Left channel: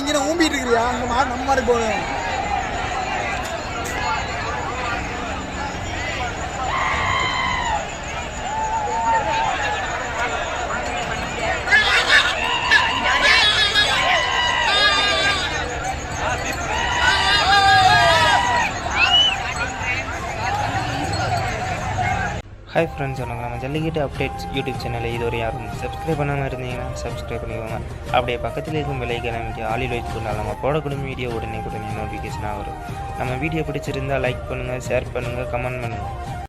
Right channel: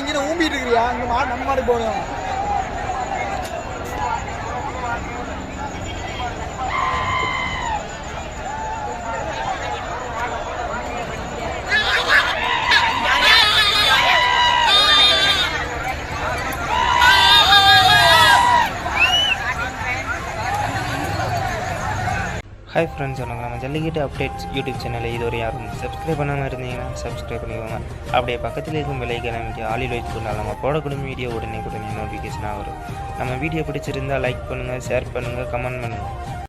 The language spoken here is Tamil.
இங்கே ஊம்பிட்டு இருக்கிறியா அங்கே நம்ம மாதிரி போகணும். ஹாய் ஃப்ரெண்ட்ஸ், வணக்கம். நம்ம ஜல்லிக்கட்டு அப்டேட்ஸ் யூடியூப் சேனலை இதுவரை யாரும் சப்ஸ்கிரைப் பண்ணாமல் இருந்தீங்கன்னா சப்ஸ்கிரைப் பண்ணிக்கோங்க. அப்படியே பக்கத்தில் இருக்கும் பெல்லைக்கான வீடியோ ஆலில் வைத்துக்கொண்டால் நம்ம போடக்கூடிய வீடியோ உடனே நோட்டிஃபிகேஷனாக வரும். நம்ம வீடியோ பிடிச்சிருந்தால் லைக் பண்ணுங்கள், ஷேர் பண்ணுங்கள், கமெண்ட் பண்ணுங்கள்.